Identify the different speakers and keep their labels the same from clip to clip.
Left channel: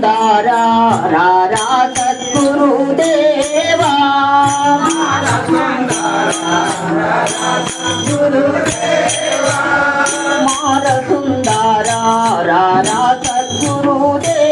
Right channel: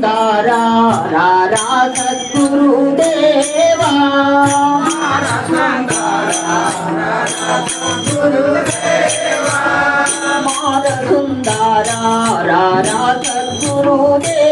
Speaker 1: தாரா ராரா சத்குரு தேவா குரு மாதகுந்தாரா ராரா சத்குரு தேவா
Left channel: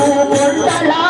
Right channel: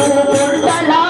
Speaker 1: Salam.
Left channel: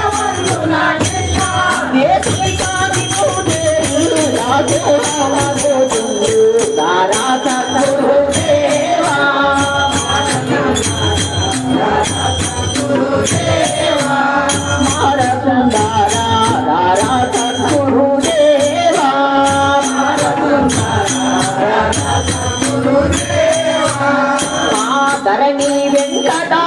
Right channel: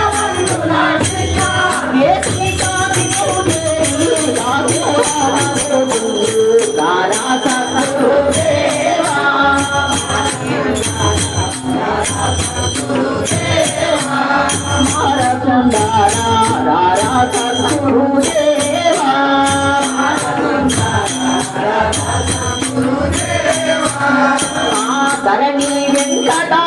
Speaker 1: ధరణి వెంకటాదాసు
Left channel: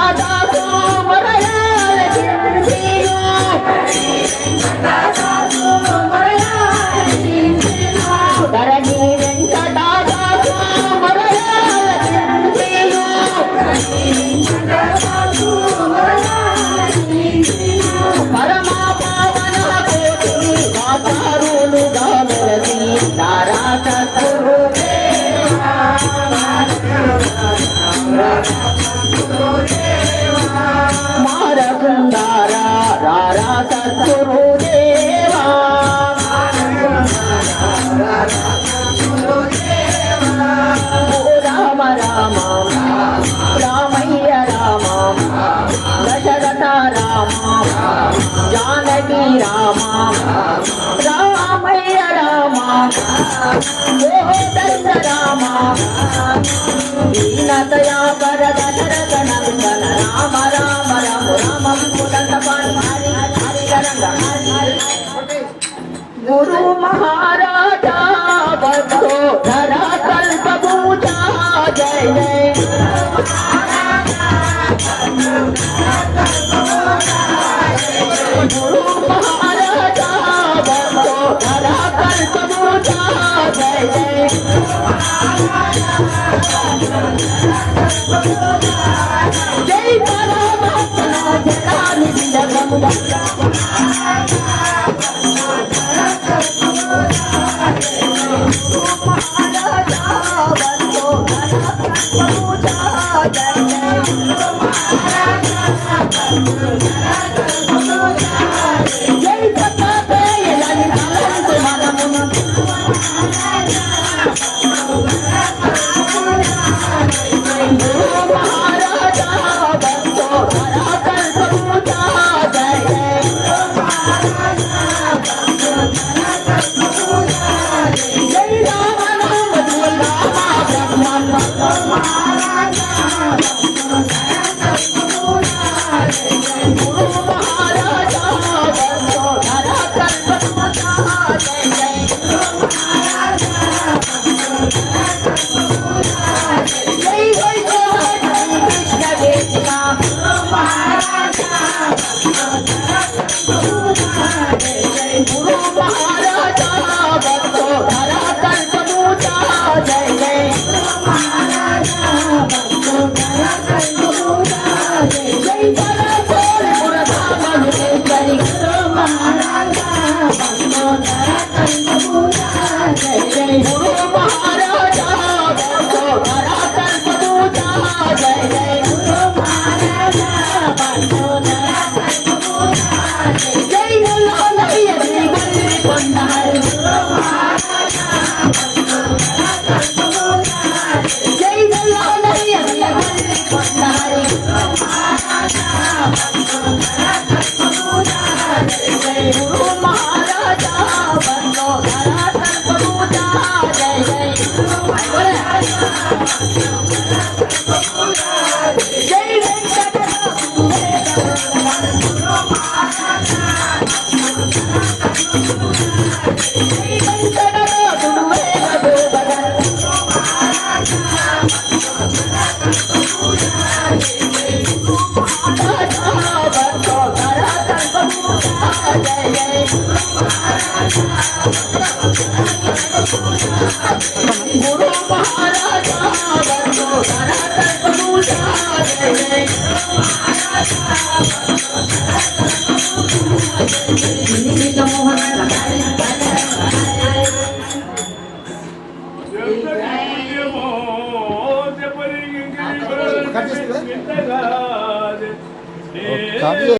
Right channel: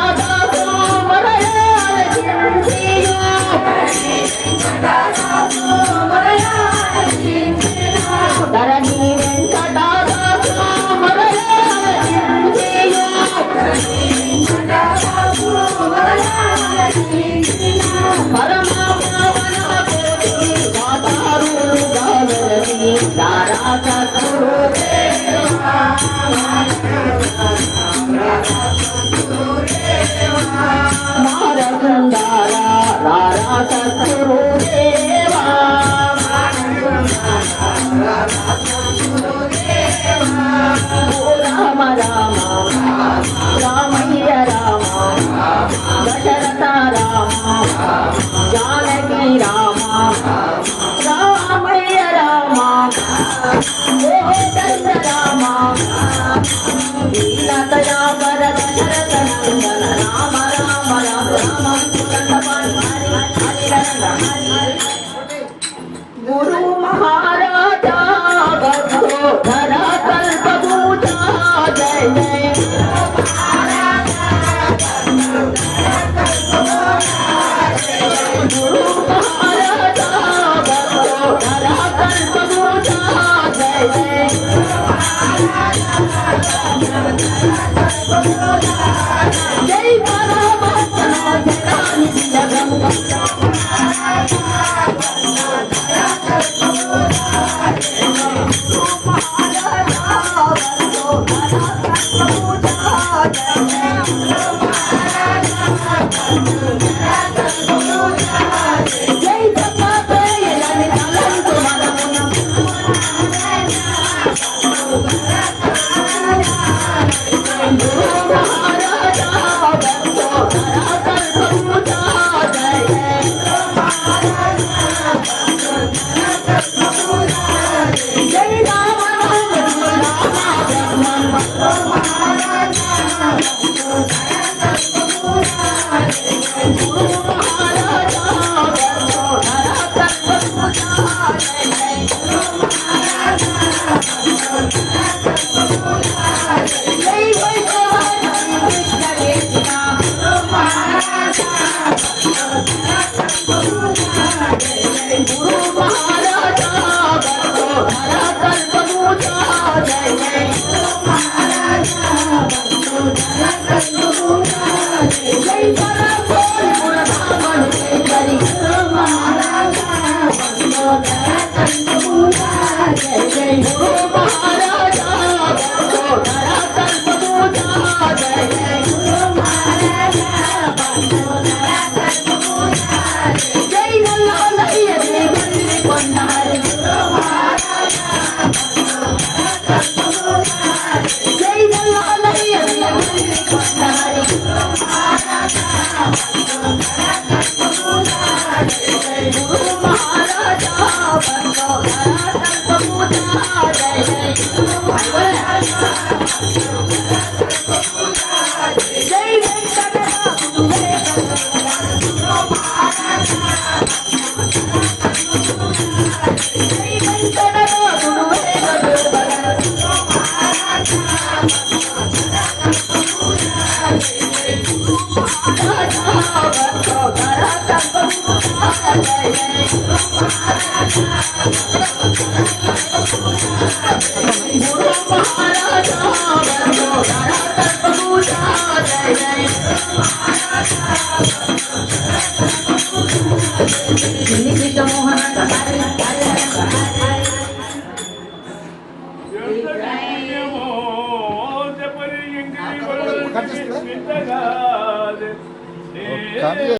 Speaker 1: ta ta ta ta ta గురు మహారాజా జై పరమ జగదాని జగమ どうも。Thank you.
Speaker 2: 감사합니다. 예.